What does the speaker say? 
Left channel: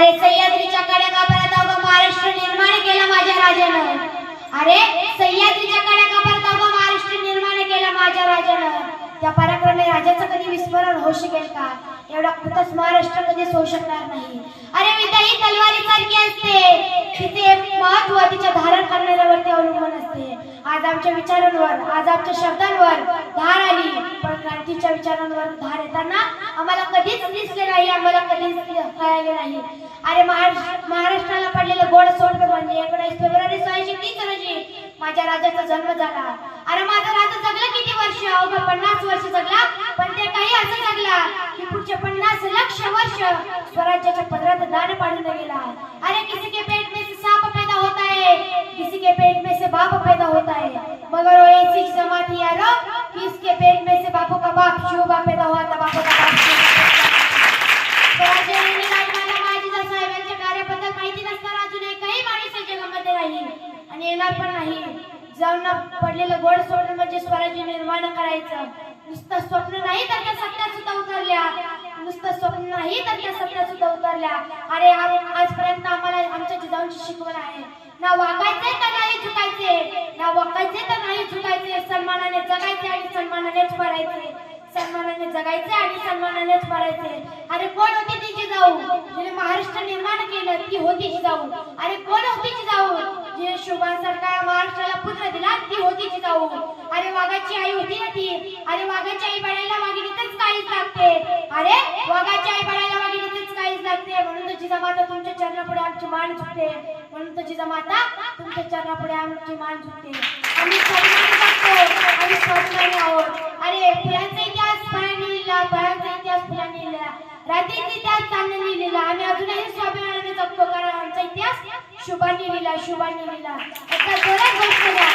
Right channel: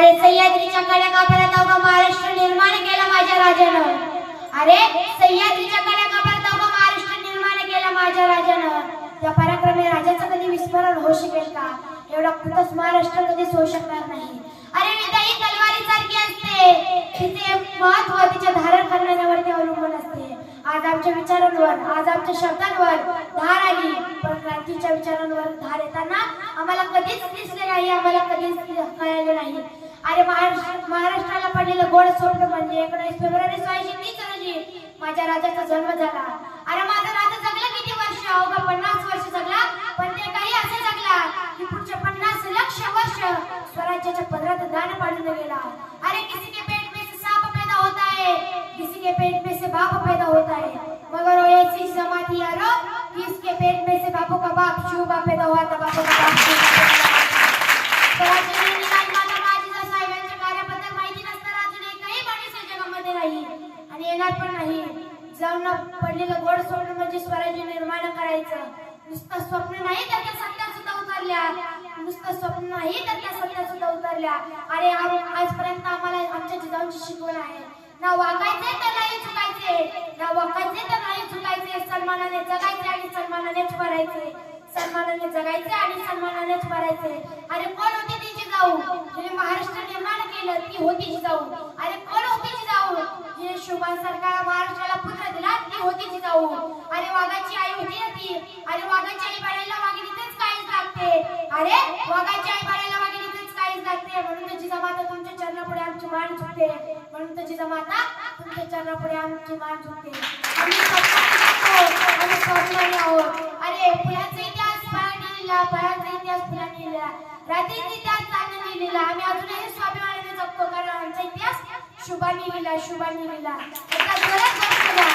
अरे सह्याद्रीच्या कड्या अवघा महाराष्ट्र निर्माण केला माझ्या राजानं? अरे सह्याद्रीच्या कड्या अवघा महाराष्ट्र निर्माण केला माझ्या राजानं? त्या पराक्रमी राजाचं कधी विस्मरण होऊ शकेल का? एवढा कुठंच महाराष्ट्र कधीच होऊ शकणार नाही. अरे विद्या ही तलवारी सारखी असते. तिचे महत्त्व तिच्या धारण करण्यावरती अवलंबून असते. आज आमच्या विचारांवर आज आमच्या शब्दांवर धार आली. पण क्रांतीच्या विचारांवर धार येताना आम्हाला कधीच दिसले नाही आम्हाला कधीच कळाले नाही. अरे महाराष्ट्राला पडलेलं गोड सोड म्हणजे एकोणीस फेब्रुवारी सोळाशे तीस रोजी माझ्या राजाचा जन्म झाला. अरे माझा राजा जगला किती वर्ष? अवघा पन्नास वर्ष जगला. पण ते काही असं जगला की पुढचे पन्नास लक्ष वर्ष स्वराज्याच्या पदरात दान पाडून गेला. अरे किसी के पेट में से साप पैदा होता है? किसी के पेट में से बाप पैदा होता है? मगर वो ऐसी जमात है यारो कि इसके पेट में येणार पण नाही. जाऊन पडलेलं गोड सोडून म्हणजे स्वराज्य निर्माण करायचं. नुसतं स्वप्न नाही तर त्या सत्यात सुद्धा उतरल्या. नुसतं स्वप्न नाही तर त्या सत्यात सुद्धा उतरल्या. अरे आजपर्यंत आम्हाला आमच्या जिजाऊंची शिकवण आहे. ना वागायचे तर नाही चुकायचे ना वागायचे तर नाही चुकायचे सन्मानाने जगायचे आणि सन्मानानेच भरायचे सन्मानाने जगायचे आणि सन्मानानेच भरायचे अरे कोण होती ती जिजाऊ जिने महाराष्ट्र निर्माण केलं ती होती जिजाऊ अरे कोण होती जिजाऊ जिने सरकार महाराष्ट्राला पुत्र दिला ती होती जिजाऊ अरे वाघाची आई होती ना ती. अरे वाघाची आई बळायला वाघिणीतच काहीच लागते. अरे वाघाची आई बळायला वाघिणीतच काहीच लागते. म्हणून तर जिजामाता तुमच्या चरणापुढे आमची मान झुकते. म्हणून तर जिजामाता तुमच्या चरणापुढे आमची मान झुकते. आम्ही आहोत अरे फुलांचे शुभांनी लिहिला शुभांनी लिहिला एका जोरात गोष्ट द्या.